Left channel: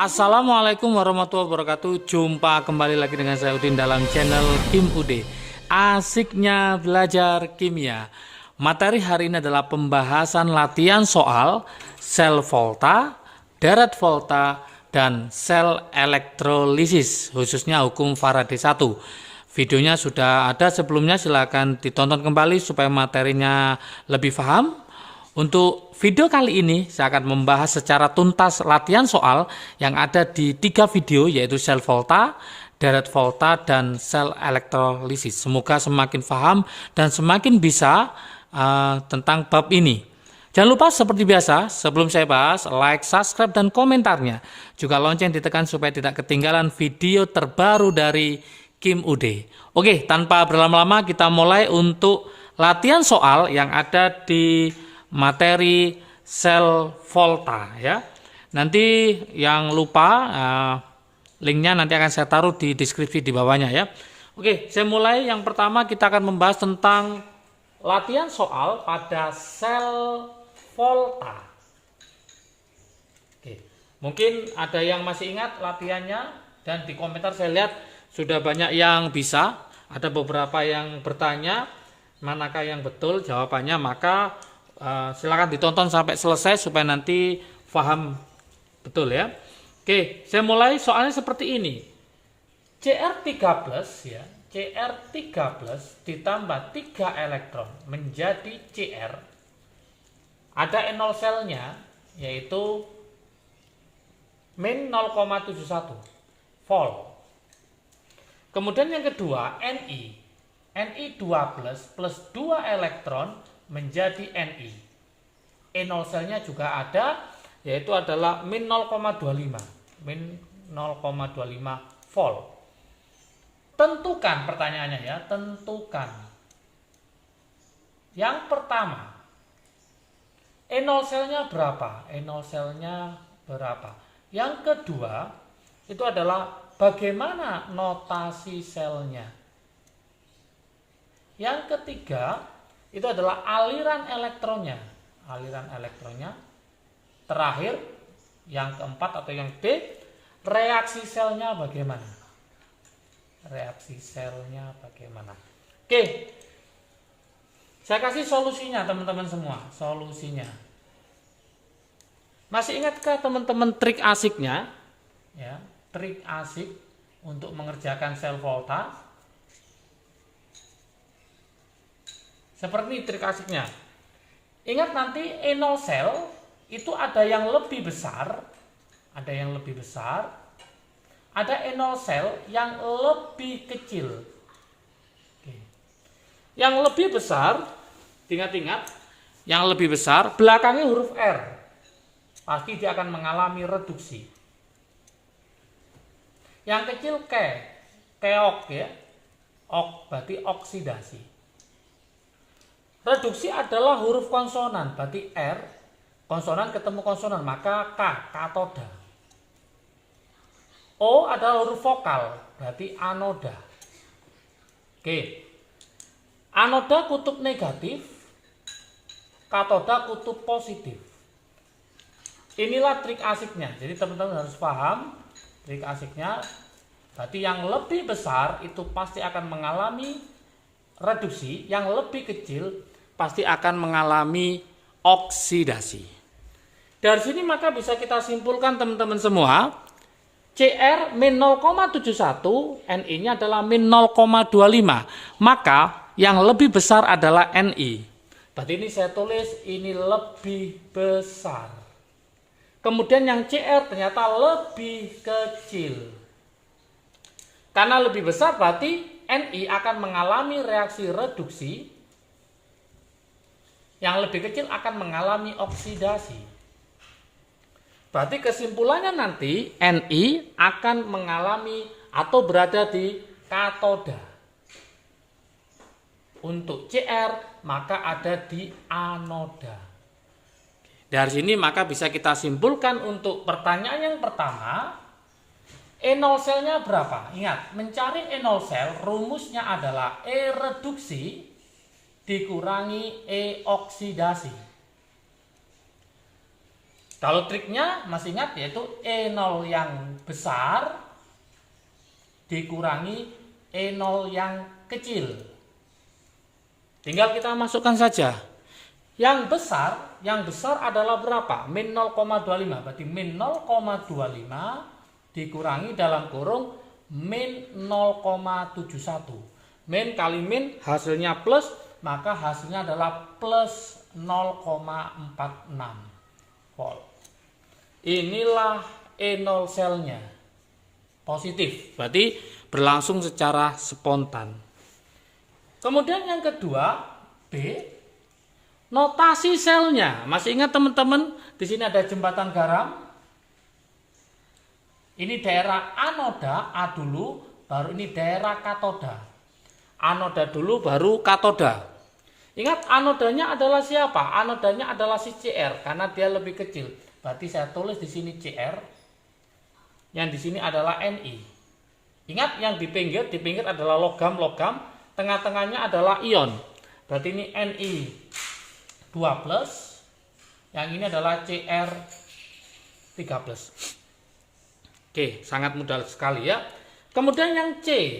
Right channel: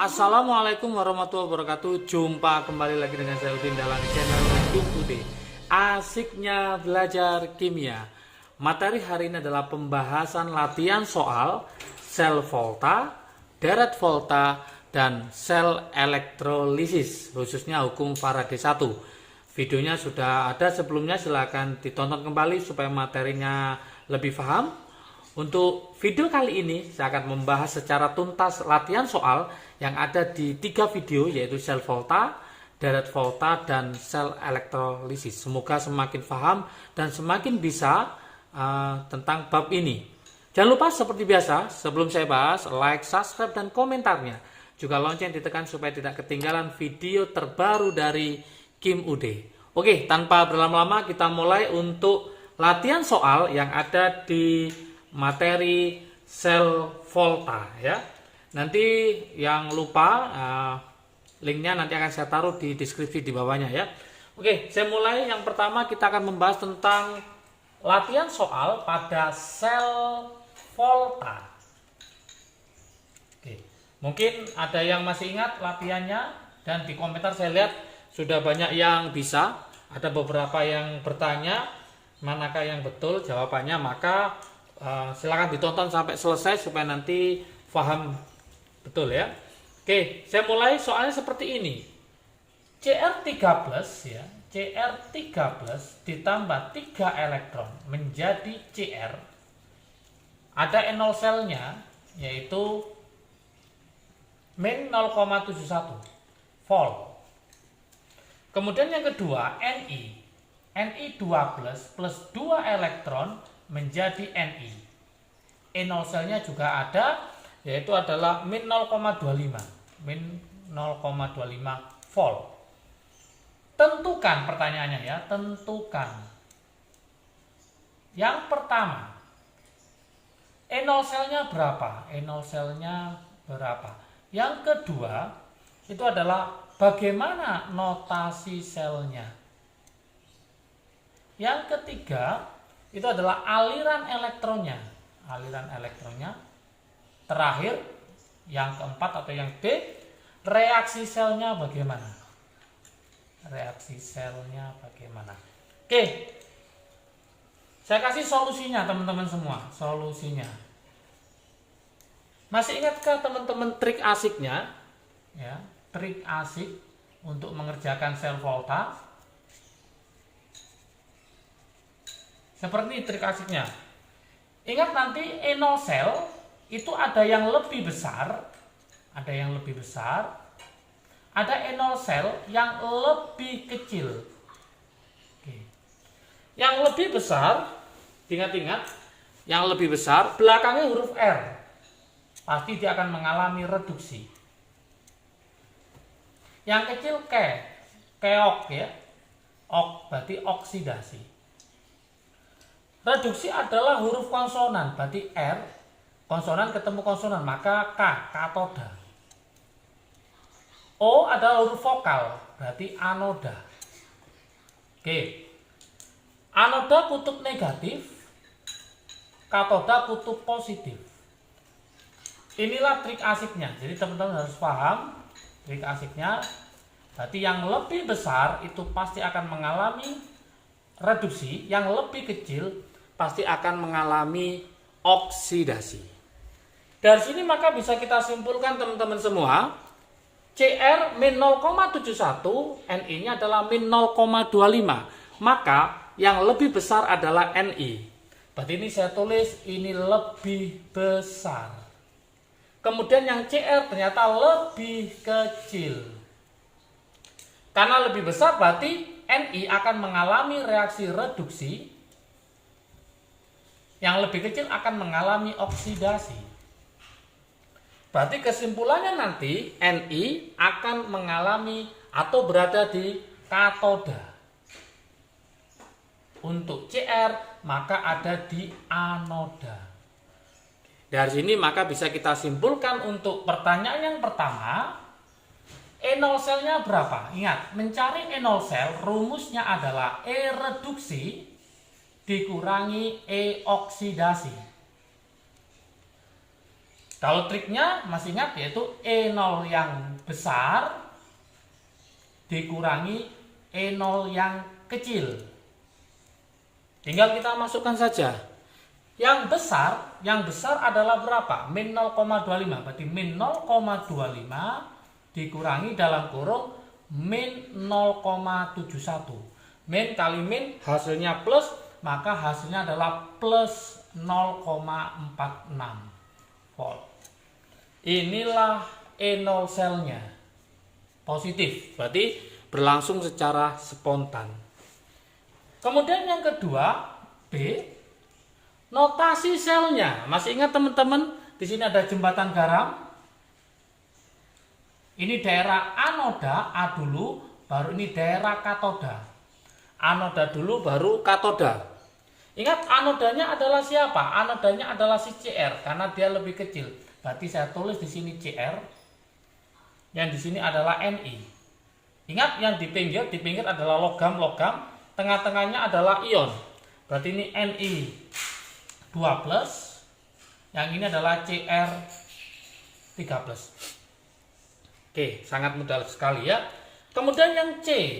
Assalamualaikum warahmatullahi wabarakatuh. Jumpa kembali lagi dengan saya Udin dalam channel Kim UD. Asiknya belajar kimia. Materi hari ini adalah pembahasan latihan soal sel volta, deret volta, dan sel elektrolisis, khususnya hukum Faraday 1. Videonya sudah ada sebelumnya, silahkan ditonton kembali supaya materinya lebih paham. Untuk video kali ini saya akan membahas secara tuntas latihan soal yang ada di 3 video, yaitu sel volta, deret volta, dan sel elektrolisis. Semoga semakin paham dan semakin bisa tentang bab ini. Jangan lupa seperti biasa, sebelum saya bahas, like, subscribe, dan komentarnya. Juga lonceng ditekan supaya tidak ketinggalan video terbaru dari Kim UD. Oke, tanpa berlama-lama kita mulai untuk latihan soal yang ada di materi sel volta ya. Nanti yang lupa linknya nanti akan saya taruh di deskripsi di bawahnya ya. Oke, saya mulai. Yang pertama kita akan membahas tentang latihan soal pada sel volta. Oke, mungkin ada yang masih ingat latihannya, dan di komentar saya lihat sudah banyak yang bisa. Ada beberapa yang bertanya manakah yang betul jawabannya, maka silakan ditonton sampai selesai supaya nanti paham betul ya. Oke, saya mulai. Soalnya seperti ini. Cr3+ ya, Cr3+ ditambah 3 elektron menjadi Cr. Ada NO selnya yaitu min 0,71 volt. Kemudian yang kedua Ni. Ni2+ plus 2 elektron menjadi Ni. NO selnya juga ada, yaitu adalah min 0,25 volt. Tentukan, pertanyaannya ya, tentukan. Yang pertama, NO selnya berapa? NO selnya berapa? Yang kedua, itu adalah bagaimana notasi selnya. Yang ketiga, itu adalah aliran elektronnya. Aliran elektronnya. Terakhir, yang keempat atau yang D, reaksi selnya bagaimana? Reaksi selnya bagaimana? Oke. Saya kasih solusinya teman-teman semua. Solusinya. Masih ingatkah teman-teman trik asiknya? Ya, trik asik untuk mengerjakan sel volta. Seperti trik asiknya. Ingat nanti NO sel itu ada yang lebih besar, ada yang lebih besar, ada NO sel yang lebih kecil. Oke. Yang lebih besar, ingat-ingat, yang lebih besar belakangnya huruf R. Pasti dia akan mengalami reduksi. Yang kecil keok ya. Ok berarti oksidasi. Reduksi adalah huruf konsonan, berarti R, konsonan ketemu konsonan, maka katoda. O adalah huruf vokal, berarti anoda. Oke. Anoda kutub negatif, katoda kutub positif. Inilah trik asiknya. Jadi teman-teman harus paham trik asiknya. Berarti yang lebih besar itu pasti akan mengalami reduksi, yang lebih kecil pasti akan mengalami oksidasi. Dari sini maka bisa kita simpulkan teman-teman semua, Cr min 0,71, Ni-nya adalah min 0,25. Maka yang lebih besar adalah Ni. Berarti ini saya tulis ini lebih besar. Kemudian yang Cr ternyata lebih kecil. Karena lebih besar berarti Ni akan mengalami reaksi reduksi, yang lebih kecil akan mengalami oksidasi. Berarti kesimpulannya nanti Ni akan mengalami atau berada di katoda. Untuk Cr maka ada di anoda. Dari sini maka bisa kita simpulkan untuk pertanyaan yang pertama, NO selnya berapa? Ingat, mencari NO sel rumusnya adalah E reduksi dikurangi E oksidasi. Kalau triknya masih ingat, yaitu E0 yang besar dikurangi E0 yang kecil. Tinggal kita masukkan saja. Yang besar adalah berapa? Min 0,25. Berarti min 0,25 dikurangi dalam kurung min 0,71. Min kali min hasilnya plus, maka hasilnya adalah plus 0,46 volt. Inilah E0 selnya. Positif, berarti berlangsung secara spontan. Kemudian yang kedua, B, notasi selnya. Masih ingat teman-teman, di sini ada jembatan garam. Ini daerah anoda, A dulu, baru ini daerah katoda. Anoda dulu, baru katoda. Ingat, anodanya adalah siapa? Anodanya adalah si CR, karena dia lebih kecil. Berarti saya tulis di sini CR. Yang di sini adalah Ni. Ingat, yang di pinggir adalah logam, tengah-tengahnya adalah ion. Berarti ini Ni 2+, yang ini adalah Cr 3+. Oke, sangat mudah sekali ya. Kemudian yang C,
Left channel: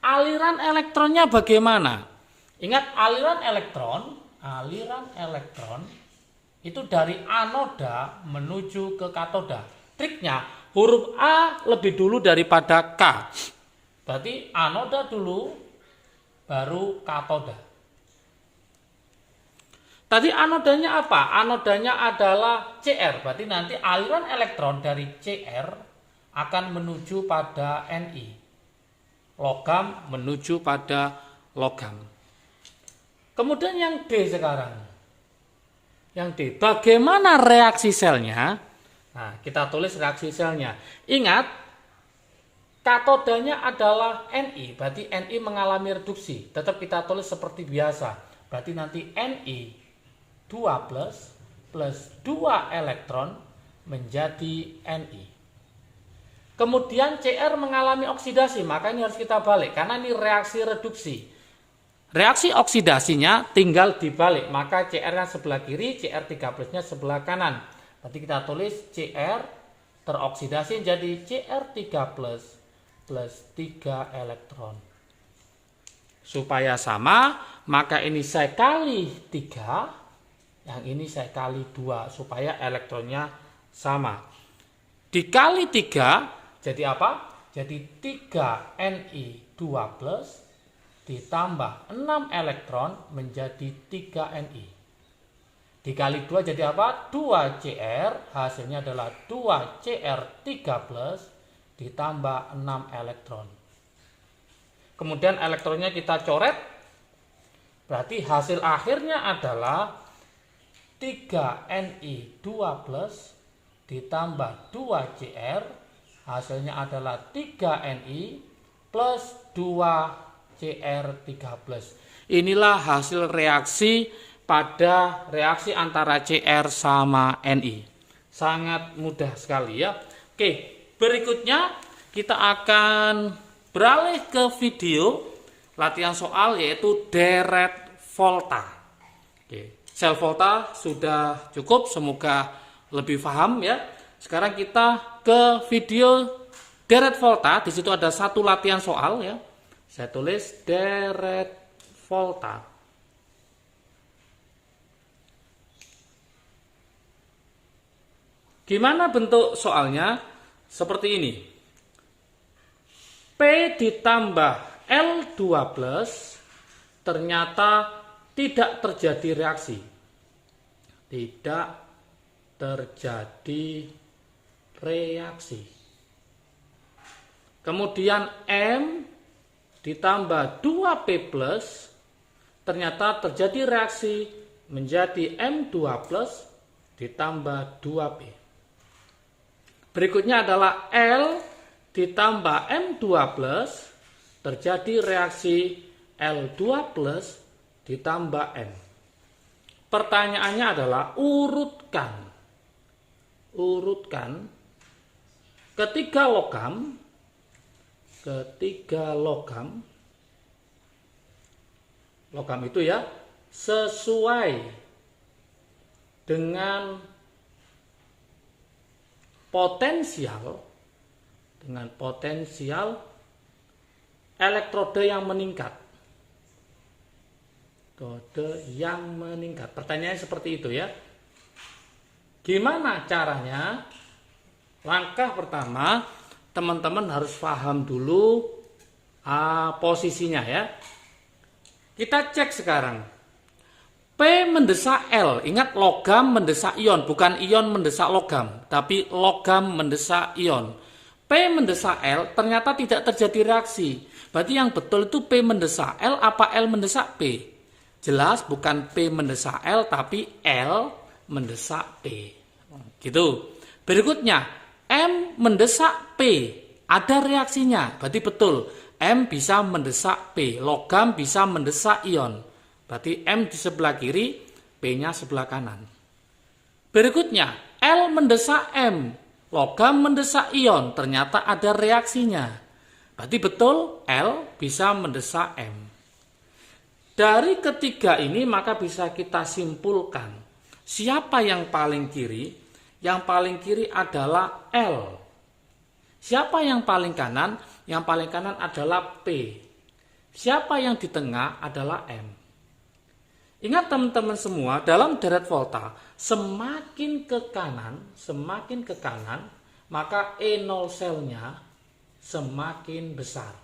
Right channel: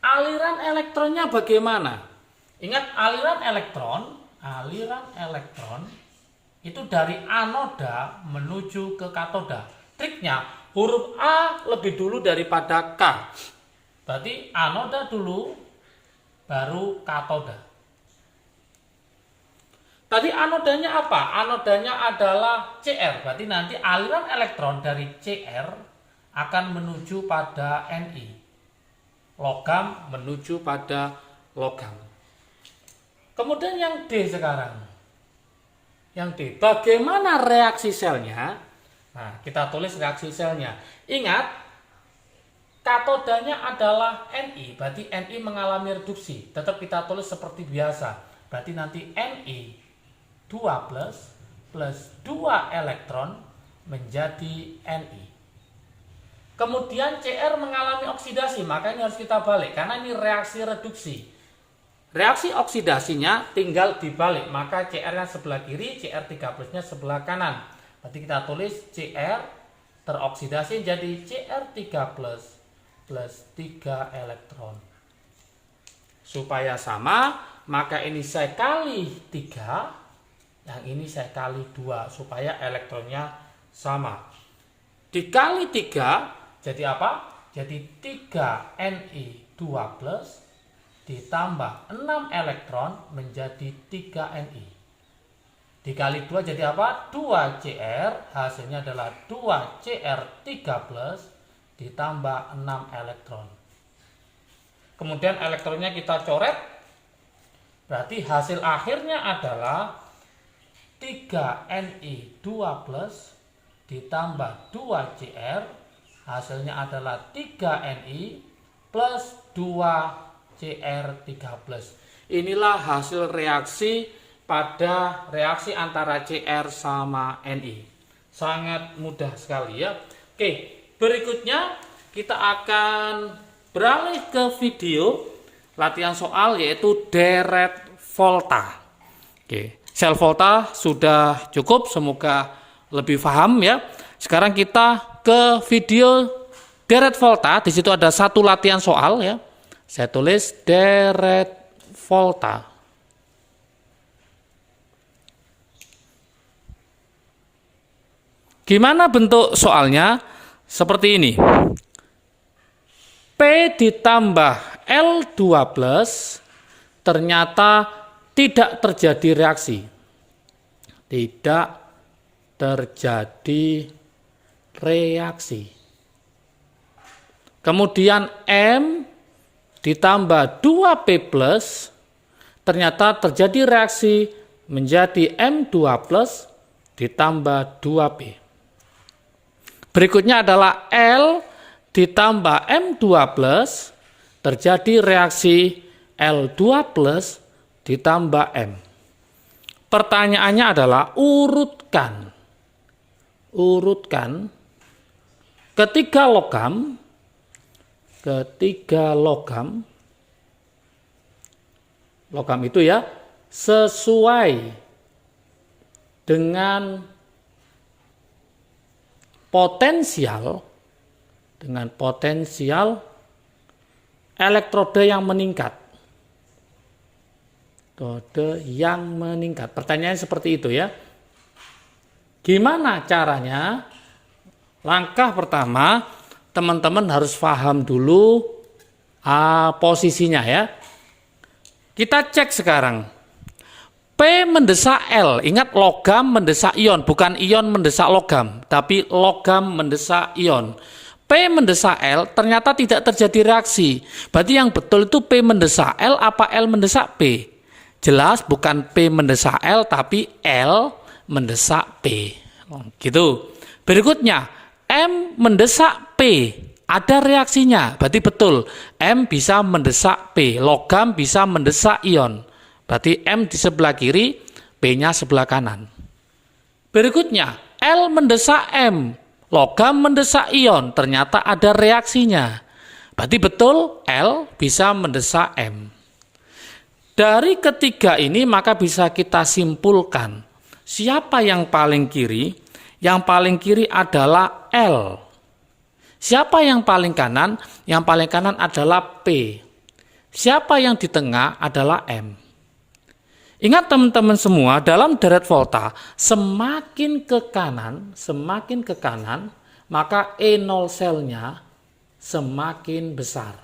aliran elektronnya bagaimana? Ingat, aliran elektron itu dari anoda menuju ke katoda. Triknya, huruf A lebih dulu daripada K. Berarti anoda dulu, baru katoda. Tadi anodanya apa? Anodanya adalah Cr. Berarti nanti aliran elektron dari Cr akan menuju pada Ni. Logam menuju pada logam. Kemudian yang D sekarang. Yang D, bagaimana reaksi selnya? Nah, kita tulis reaksi selnya. Ingat, katodanya adalah Ni, berarti Ni mengalami reduksi. Tetap kita tulis seperti biasa. Berarti nanti Ni 2+ plus 2 elektron menjadi Ni. Kemudian Cr mengalami oksidasi, maka ini harus kita balik karena ini reaksi reduksi. Reaksi oksidasinya tinggal dibalik, maka Cr-nya sebelah kiri, Cr3+-nya sebelah kanan. Berarti kita tulis Cr teroksidasi jadi Cr3+ plus 3 elektron. Supaya sama, maka ini saya kali 3, yang ini saya kali 2, supaya elektronnya sama. Dikali 3, jadi apa? Jadi 3 Ni 2+ ditambah 6 elektron menjadi 3 Ni. Dikali 2 jadi apa? 2 Cr, hasilnya adalah 2 Cr3+ ditambah 6 elektron. Kemudian elektronnya kita coret, berarti hasil akhirnya adalah 3 Ni 2+ ditambah 2 Cr, hasilnya adalah 3 Ni plus 2 Cr3+. Inilah hasil reaksi pada reaksi antara Cr sama Ni. Sangat mudah sekali ya. Oke, berikutnya kita akan beralih ke video latihan soal yaitu deret volta. Oke, sel volta sudah cukup, semoga lebih paham ya. Sekarang kita ke video deret volta. Di situ ada satu latihan soal ya. Saya tulis deret volta. Gimana bentuk soalnya? Seperti ini. P ditambah L2+ ternyata tidak terjadi reaksi. Tidak terjadi reaksi. Kemudian M ditambah 2P+, ternyata terjadi reaksi menjadi M2+ ditambah 2P. Berikutnya adalah L ditambah M2+, terjadi reaksi L2+ ditambah M. Pertanyaannya adalah urutkan ketiga logam itu ya sesuai dengan potensial elektroda yang meningkat. Pertanyaannya seperti itu ya. Gimana caranya? Langkah pertama, teman-teman harus paham dulu posisinya ya. Kita cek sekarang. P mendesak L. Ingat, logam mendesak ion, bukan ion mendesak logam, tapi logam mendesak ion. P mendesak L, ternyata tidak terjadi reaksi. Berarti yang betul itu P mendesak L apa L mendesak P? Jelas bukan P mendesak L, tapi L mendesak P. Gitu. Berikutnya, M mendesak P. Ada reaksinya, berarti betul. M bisa mendesak P, logam bisa mendesak ion. Berarti M di sebelah kiri, P-nya sebelah kanan. Berikutnya, L mendesak M, logam mendesak ion. Ternyata ada reaksinya. Berarti betul, L bisa mendesak M. Dari ketiga ini maka bisa kita simpulkan, siapa yang paling kiri? Yang paling kiri adalah L. Siapa yang paling kanan? Yang paling kanan adalah P. Siapa yang di tengah adalah M. Ingat teman-teman semua, dalam deret volta, semakin ke kanan, maka E0 selnya semakin besar.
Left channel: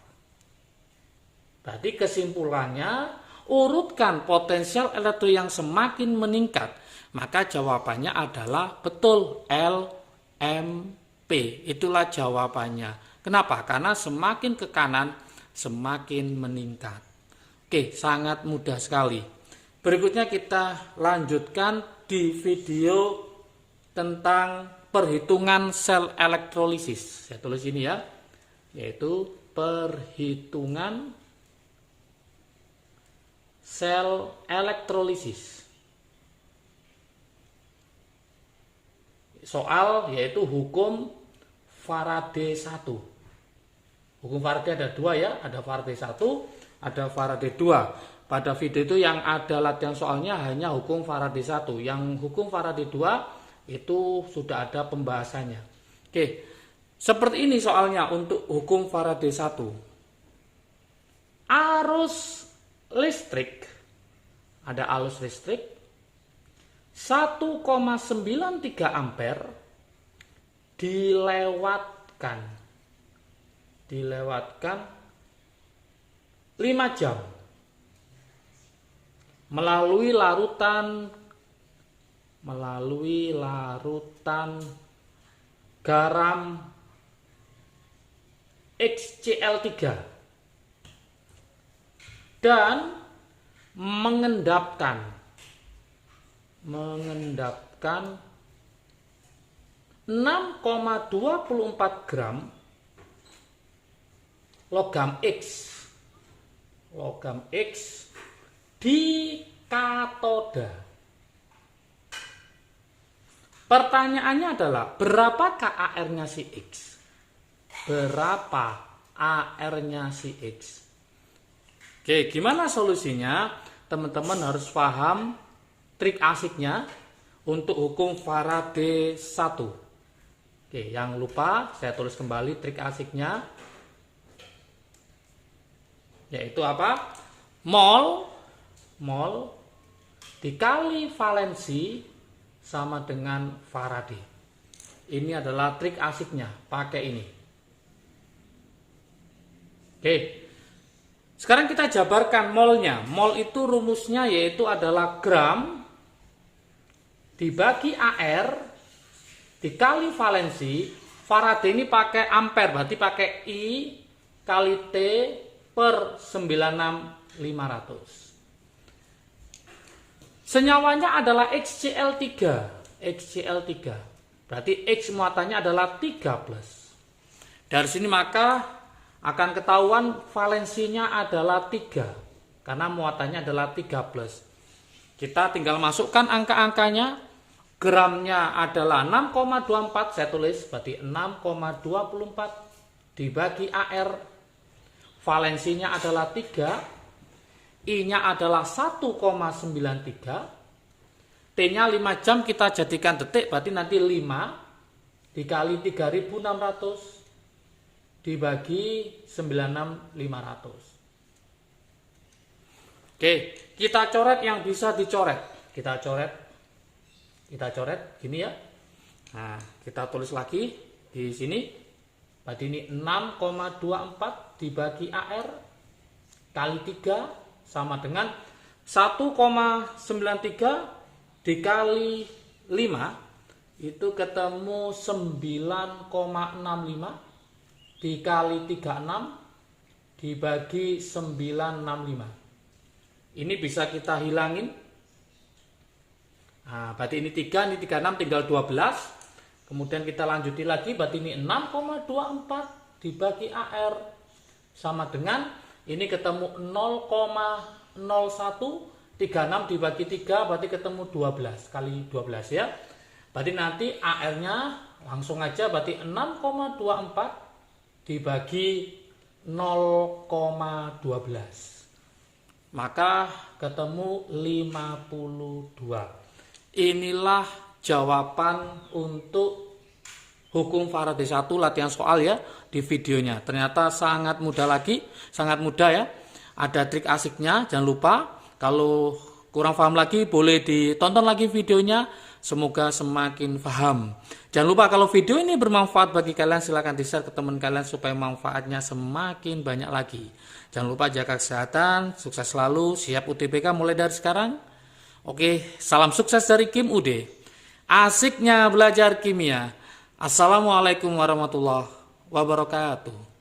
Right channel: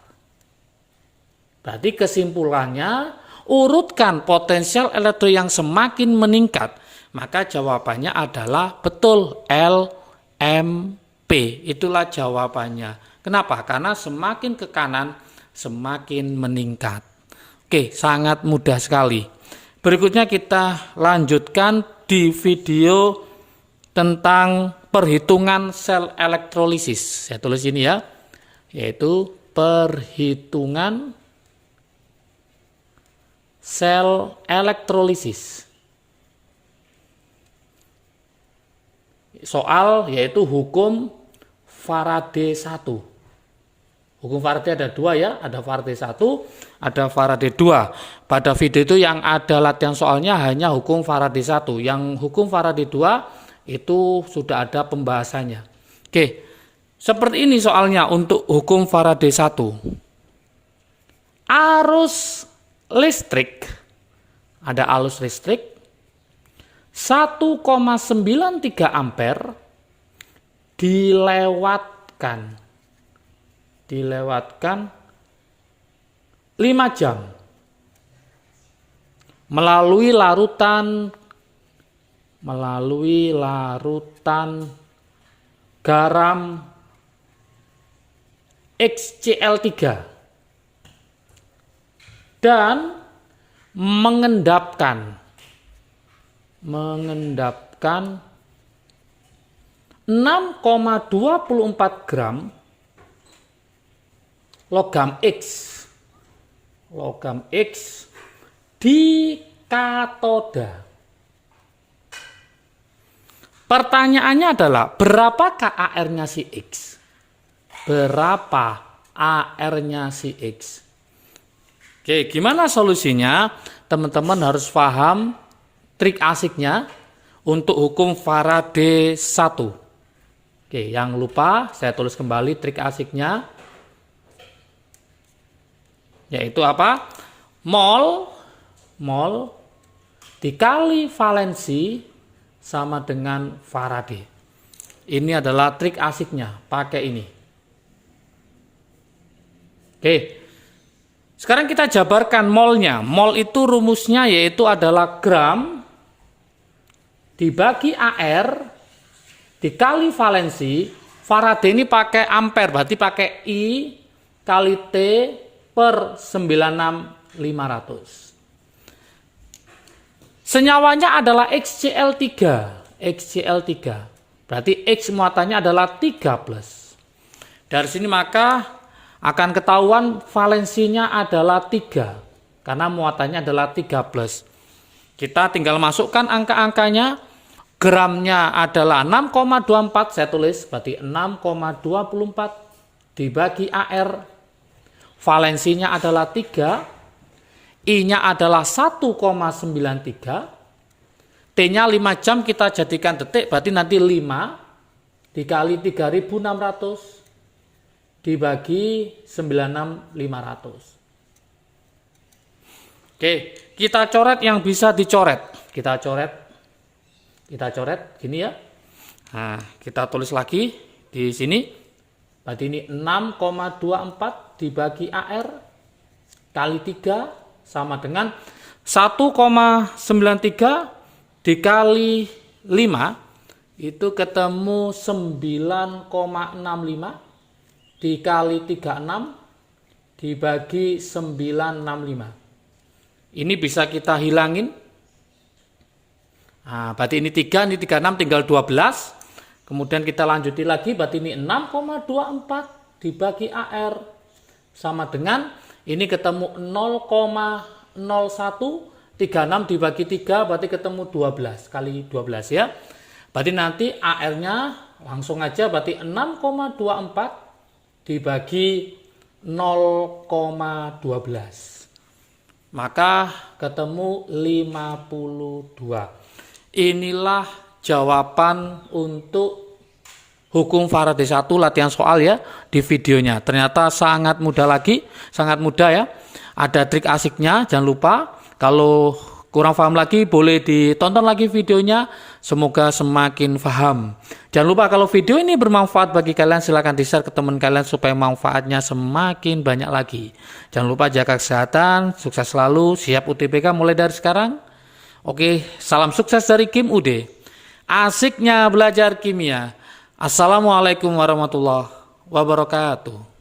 Berarti kesimpulannya, urutkan potensial elektro yang semakin meningkat, maka jawabannya adalah betul L, M, P. Itulah jawabannya. Kenapa? Karena semakin ke kanan, semakin meningkat. Oke, sangat mudah sekali. Berikutnya kita lanjutkan di video tentang perhitungan sel elektrolisis. Saya tulis ini ya, yaitu perhitungan sel elektrolisis. Soal yaitu hukum Faraday 1. Hukum Faraday ada dua ya, ada Faraday 1, ada Faraday 2. Pada video itu yang ada latihan soalnya hanya hukum Faraday 1. Yang hukum Faraday 2 itu sudah ada pembahasannya. Oke, seperti ini soalnya untuk hukum Faraday 1. Arus listrik, ada arus listrik 1,93 ampere dilewatkan 5 jam melalui larutan garam HCl3 dan mengendapkan 6,24 gram logam X di katoda. Pertanyaannya adalah berapakah AR-nya si X? Berapa AR-nya si X? Oke, gimana solusinya? Teman-teman harus paham trik asiknya untuk hukum Faraday 1. Oke, yang lupa saya tulis kembali trik asiknya. Yaitu apa? Mol dikali valensi sama dengan Faraday. Ini adalah trik asiknya, pakai ini. Oke. Sekarang kita jabarkan molnya. Mol itu rumusnya yaitu adalah gram dibagi AR dikali valensi. Faraday ini pakai ampere, berarti pakai I kali T per 96500. Senyawanya adalah XCl3. Berarti X muatannya adalah 3+. Dari sini maka akan ketahuan valensinya adalah 3. Karena muatannya adalah 3+. Kita tinggal masukkan angka-angkanya. Gramnya adalah 6,24. Saya tulis berarti 6,24 dibagi AR. Valensinya adalah 3, I-nya adalah 1,93, T-nya 5 jam kita jadikan detik, berarti nanti 5 dikali 3.600 dibagi 96.500. Oke, kita coret yang bisa dicoret. Kita coret gini ya. Nah, kita tulis lagi di sini. Berarti ini 6,24 dibagi AR kali 3 sama dengan 1,93 dikali 5 itu ketemu 9,65 dikali 36 dibagi 965. Ini bisa kita hilangin. Nah, berarti ini 3, ini 36 tinggal 12. Kemudian kita lanjuti lagi, berarti ini 6,24 dibagi AR sama dengan ini ketemu 0,01, 36 dibagi 3 berarti ketemu 12 kali 12 ya. Berarti nanti AR-nya langsung aja berarti 6,24 dibagi 0,12. Maka ketemu 52. Inilah jawaban untuk hukum Faraday 1 latihan soal ya di videonya. Ternyata sangat mudah lagi, sangat mudah ya. Ada trik asiknya, jangan lupa. Kalau kurang paham lagi boleh ditonton lagi videonya. Semoga semakin paham. Jangan lupa kalau video ini bermanfaat bagi kalian silahkan di-share ke teman kalian supaya manfaatnya semakin banyak lagi. Jangan lupa jaga kesehatan, sukses selalu, siap UTBK mulai dari sekarang. Oke, salam sukses dari Kim UD. Asiknya belajar kimia. Assalamualaikum warahmatullahi wabarakatuh.